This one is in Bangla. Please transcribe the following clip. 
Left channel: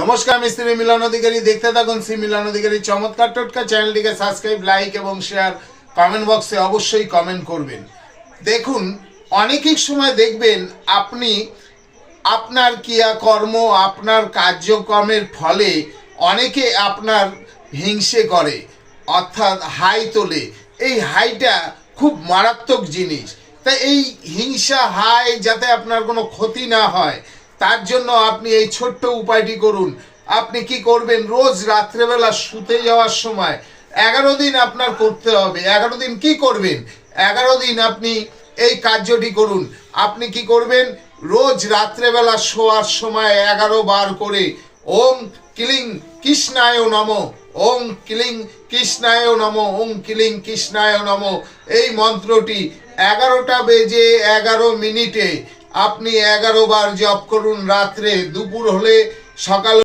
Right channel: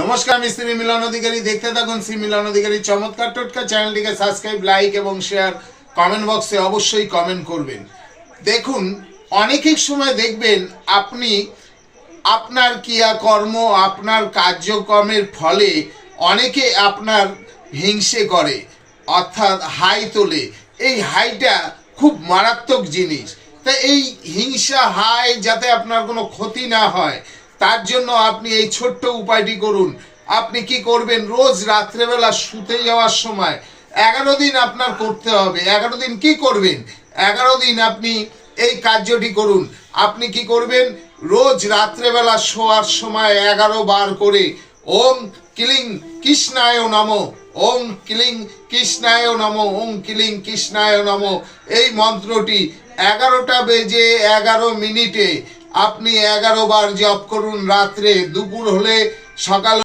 নমস্কার, আমি শ্রী মিলন অধিকারী। দেখতে থাকুন শ্রী মিলন অধিকারী চমৎকার টোটকা। চ্যানেলটিকে সাবস্ক্রাইব, লাইক এবং শেয়ার, কমেন্ট বক্সে অবশ্যই কমেন্ট করবেন। দেখুন, অনেকের সময় দেখবেন আপনি আপনার ক্রিয়াকর্ম, আপনার কার্যক্রমের ফলে অনেকে আপনার হিংসে করে, অর্থাৎ হাই তোলে। এই হাইটা খুব মারাত্মক জিনিস। তাই এই হিংসা হাই যাতে আপনার কোনো ক্ষতি না হয়, তার জন্য আপনি এই ছোট্ট উপায়টি করুন। আপনি কি করবেন, রোজ রাত্রেবেলা শুতে যাওয়ার সময় 11 দিন আপনার করতে হবে। 11 দিন কি করবেন, 11 দিন আপনি এই কার্যটি করুন। আপনি কি করবেন, রোজ রাত্রেবেলা শোয়ার সময় 11 বার করে ওম ক্লিং কৃষ্ণায় নমঃ, ওম ক্লিং কৃষ্ণায় নমঃ, ওম ক্লিং কৃষ্ণায় নমঃ, এই মন্ত্রটি 11টা বেজে 11 মিনিটে আপনি 11 বার জপ করুন। রাত্রে, দুপুর হলে, সকাল